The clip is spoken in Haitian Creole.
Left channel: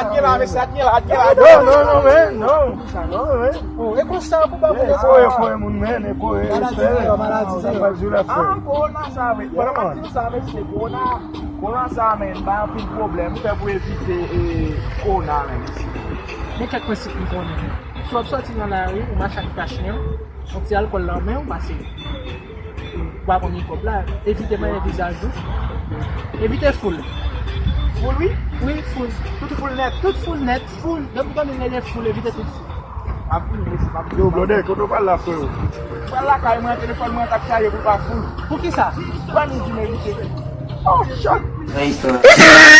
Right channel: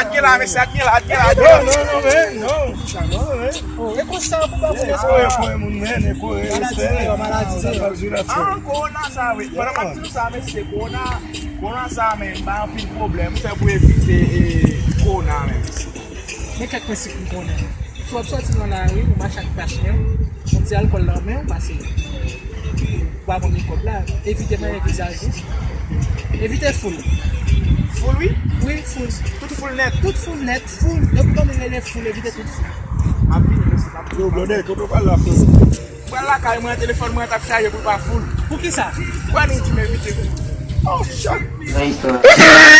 adye la, mèsi adye la. Non, mais, non. E pou sa pou ba pou Foi, moun men, foi. Corona sa ve. Para mati nou sa ve se corona sa men, ba an pil problem. Ou fe pou evite corona men. E kak mwen se koupon. Sop soti nan la rue, mwen chak kachnem, mwen ti alkol la men, ou pase. Ba bon ki kop la, evite man visaj. Evite full. Full oui? Oui, full. Tout full net. Full. E pou kon dene full, evite tout full. Yo, blode, koto pal la fwe. Kwan la kay mwen telefon mwen tap chaje pou pa full. Pou ki sa? Kwan ni ti me evite full? Oh, shot! Nice.